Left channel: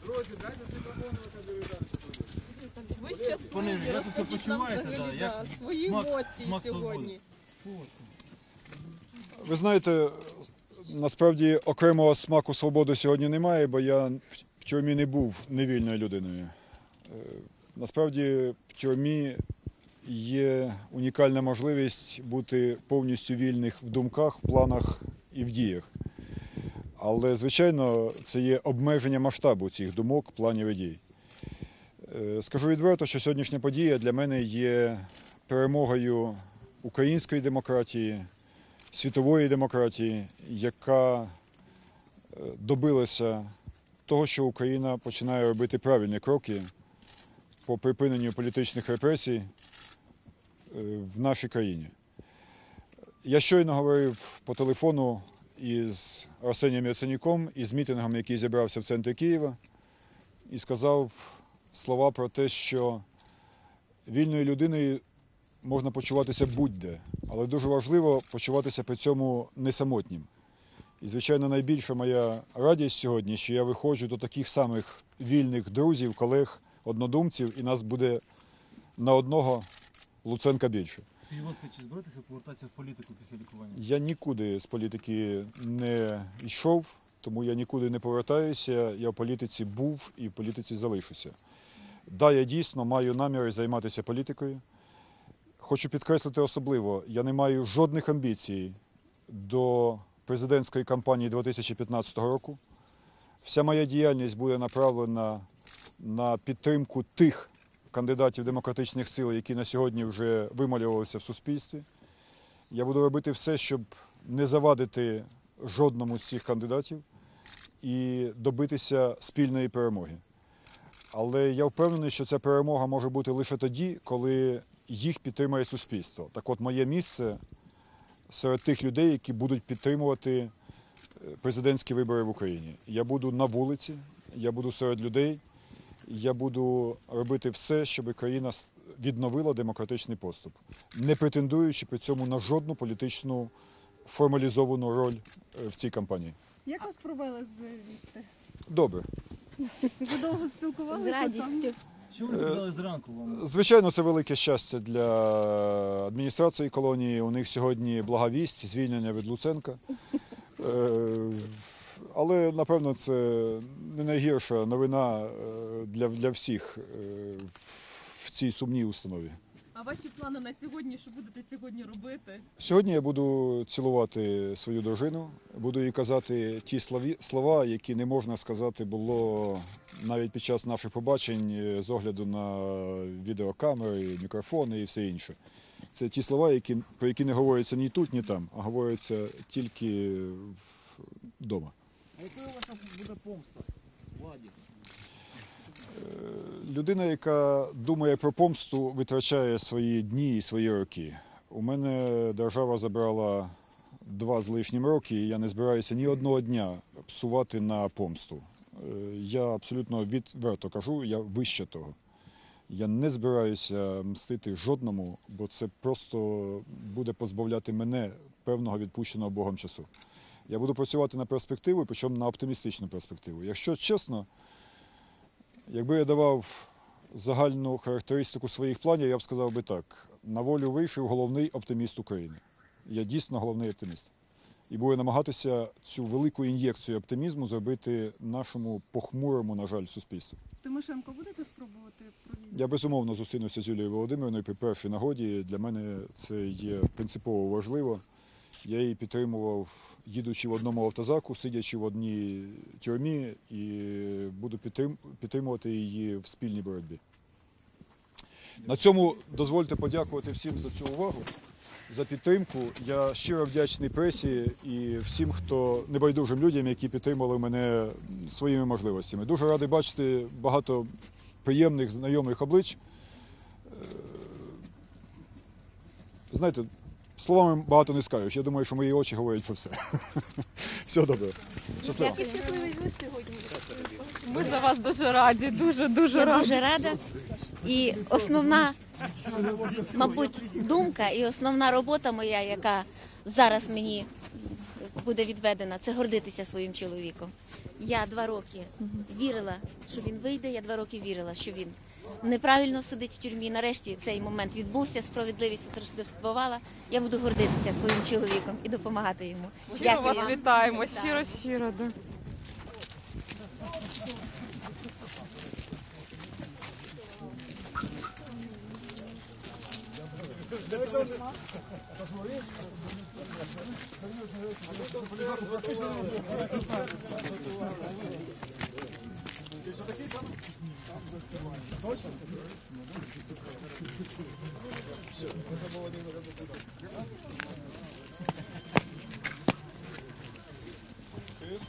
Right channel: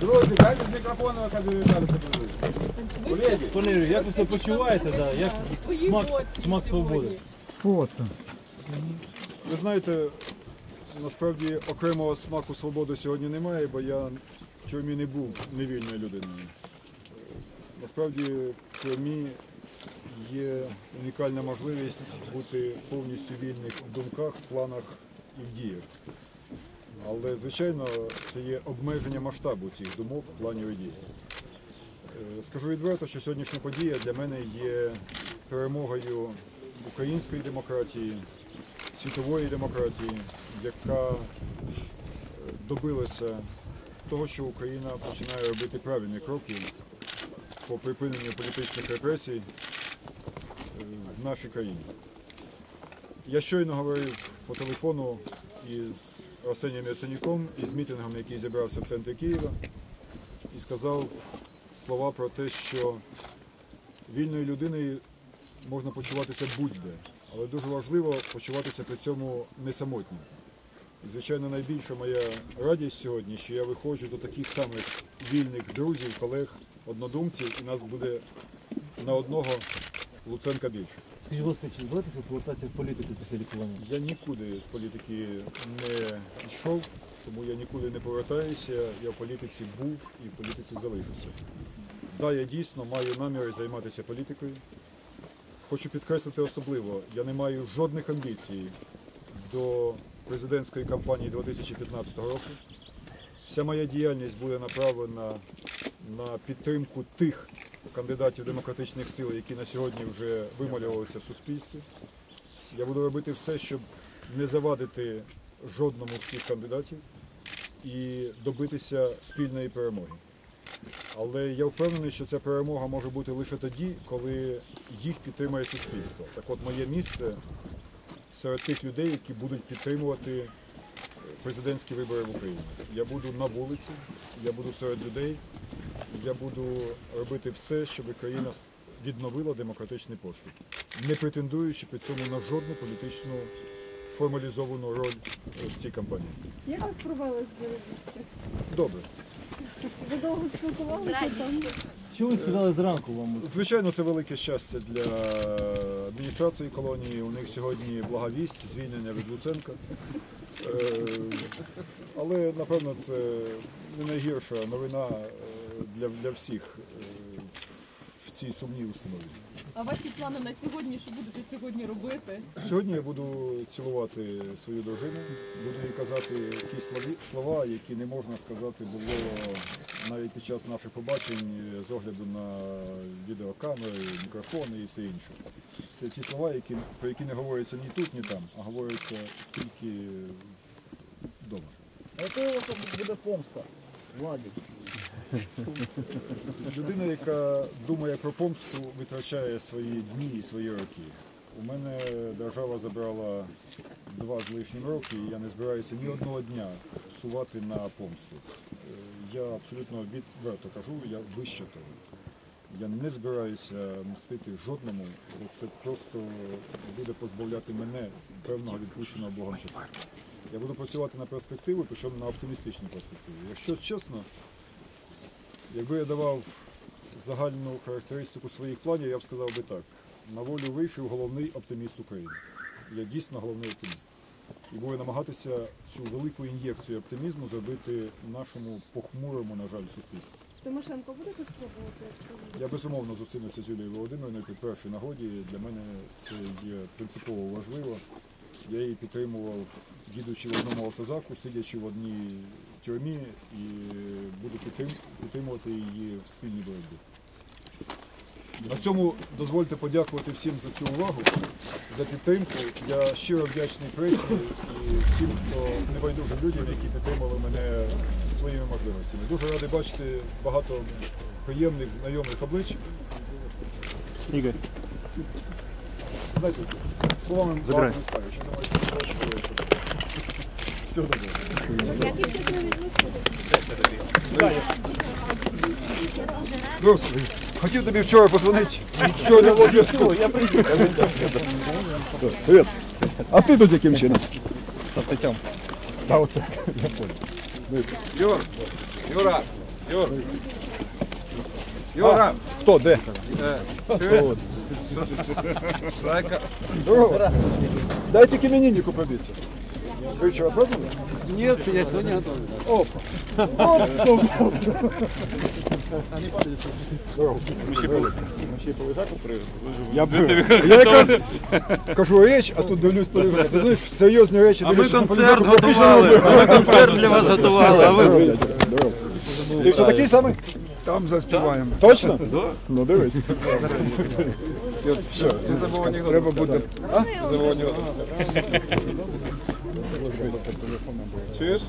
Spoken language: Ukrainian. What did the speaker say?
Друзі, дайте з мікрофону, каже Віталій Степанович. Колеги, як ви себе почуваєте? Да? Як смак, свободи? сьогодні. Ви знаєте, насправді окремого смаку свободи сьогодні немає, бо я в тюрмі не був невільною людиною. Е, Насправді в тюрмі є унікальна можливість бути повністю вільних в думках, в планах і в діях. Але, звичайно, це є обмеження масштабу цих думок, планів і дій. Е, Скажу відверто, що сьогоднішня подія для мене є перемогою української демократії, світової демократії, яка е, добилася того, що Україна починає робити правильні кроки по припиненню політичних репресій е, в нашій країні. Я щойно говорив по телефону із Арсенієм Яценюком із мітингом, який зібрався в центрі Києва, і сказав слова про те, що вільною людиною можна почуватися будь-де, але дуже важливо почуватися при цьому не самотнім. І, звичайно, найбільша моя радість сьогодні, що я виходжу до таких самих вільних друзів, колег, однодумців, і нас буде на одного Луценка більше. Скажіть, будь чи збираєтеся повертатися в політику після лікування? Я нікуди з політики не йшов, тому я нікуди не повертаюся. Я в політиці був і в політиці залишуся. Да, я дійсно маю наміри займатися політикою. Хочу підкреслити особливо, я не маю жодних амбіцій до президентської кампанії 2015 року. Вся моя діяльність буде направлена на підтримку тих кандидатів демократичних сил, які на сьогодні вже вималювалися в суспільстві. Я буду робити все, щоб не завадити жодному з цих кандидатів і добитися спільної перемоги. Але я впевнений, що ця перемога може бути лише тоді, коли їх підтримає суспільство. Так от моє місце серед тих людей, які будуть підтримувати президентські вибори в Україні. Я буду на вулиці, я буду серед людей, я буду робити все, щоб країна відновила демократичний поступ, не претендуючи при цьому на жодну політичну формалізовану роль е, в цій кампанії. Як вас провели з Добре. ви довго спілкувалися? Що ви сказали зранку вам? Звичайно, це велике щастя для адміністрації колонії. У них сьогодні благовість, звільнення від Луценка. Е, Але напевно це не найгірша новина е, для, для всіх е, в цій сумній установі. А ваші плани на сьогодні, що будете сьогодні робити? Сьогодні я буду цілувати свою дружину, буду їй казати ті слові- слова, які не можна сказати було навіть під час наших побачень е, з огляду на відеокамери, мікрофони і все інше. Це ті слова, які, про які не говоряться ні тут, ні там, а говоряться тільки вдома. А якою у вас буде помста? Владі. Людина, яка думає про помсту, витрачає свої дні і свої роки. У мене держава забрала два з лишнім роки, і я не збираюся ні одного дня сувати на помсту. Е, Я абсолютно відверто кажу, я вище того. Я не збираюся мстити жодному, бо це просто буде позбавляти мене певного відпущеного Богом часу. Я буду працювати на перспективу, причому на оптимістичну перспективу. Якщо чесно, Якби я давав загальну характеристику своїх планів, я б сказав би так: на волю вийшов головний оптиміст України. Я дійсно головний оптиміст. І буду намагатися цю велику ін'єкцію оптимізму зробити нашому похмурому, на жаль, суспільству. Тимошенко будете спробувати? Я безумовно зустрінуся з Юлією Володимирівною при першій нагоді. Для мене це є принципово важливо. Я її підтримував, їдучи в одному автозаку, сидячи в одній тюрмі, і буду підтримувати її в спільній боротьбі. На цьому дозвольте подякувати всім за цю увагу, за підтримку. Я щиро вдячний пресі і всім, хто небайдужим людям, які підтримали мене своїми можливостями. Дуже радий бачити багато приємних знайомих облич. Ігор. Знаєте, словами багато не скажеш. Я думаю, що мої очі говорять про все. Все добре. Ми за вас дуже раді, дуже дуже раді. Дуже хотів тобі вчора позвонити. Вчора не було зв'язку. Так, і основна робота моя, Привіт. яка А ти тут яким чином? буде відведена, це гордитися своїм чоловіком. Я два роки Юра. Вийде, я два роки вірила, що він неправильно сидить в тюрмі. Нарешті цей момент відбувся, справедливість спрацювала. І буду своїм Дайте чоловіком імениннику допомагати побити. йому. Щиро вас Дякую. вітаємо, щиро щиро. Я, б- я якраз кажу річ, а тут дивлюсь поліграф. Ти знаєш, серйозні речі. А ми концерт готували. Ми концерт для вас готували, а ви здорово. Ти все такий самий? там заспіваємо. Точно? Ну дивись. Все, Треба буде. Чуєш?